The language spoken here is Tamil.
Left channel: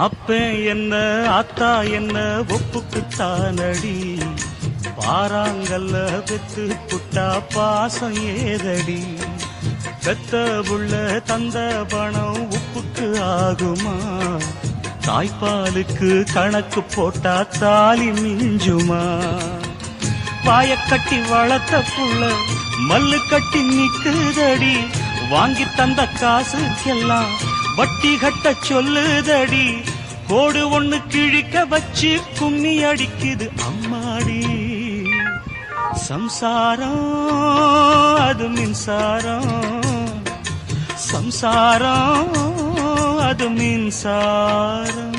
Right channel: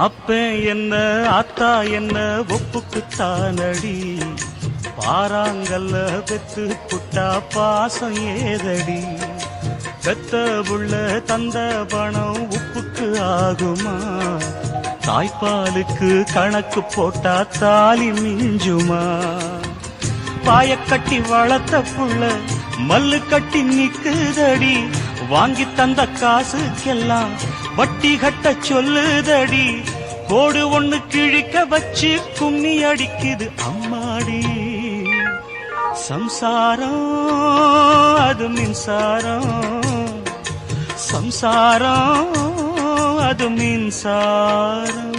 அப்ப என்ன அத்தா என்ன ஒப்புக்குத்தானடி, பாறாங்கல்ல பெத்து புட்டா பாசம் ஏதடி, பெத்த புள்ள தந்த பணம் உப்புக்கு ஆகுமா, தாய்ப்பாலுக்கு கணக்கு போட்டா தாலி மிஞ்சுமா, பாயக்கட்டி வளர்த்த புள்ள மல்லு கட்டி நிக்குதடி, வாங்கி தந்த காசுக்கெல்லாம் வட்டி கட்ட சொல்லுதடி, கோடு ஒண்ணு கிழிக்க வச்சு கும்மி அடிக்குது அம்மாடி, சம்சாரம் அது மின்சாரம், சம்சாரம் அது மின்சாரம்.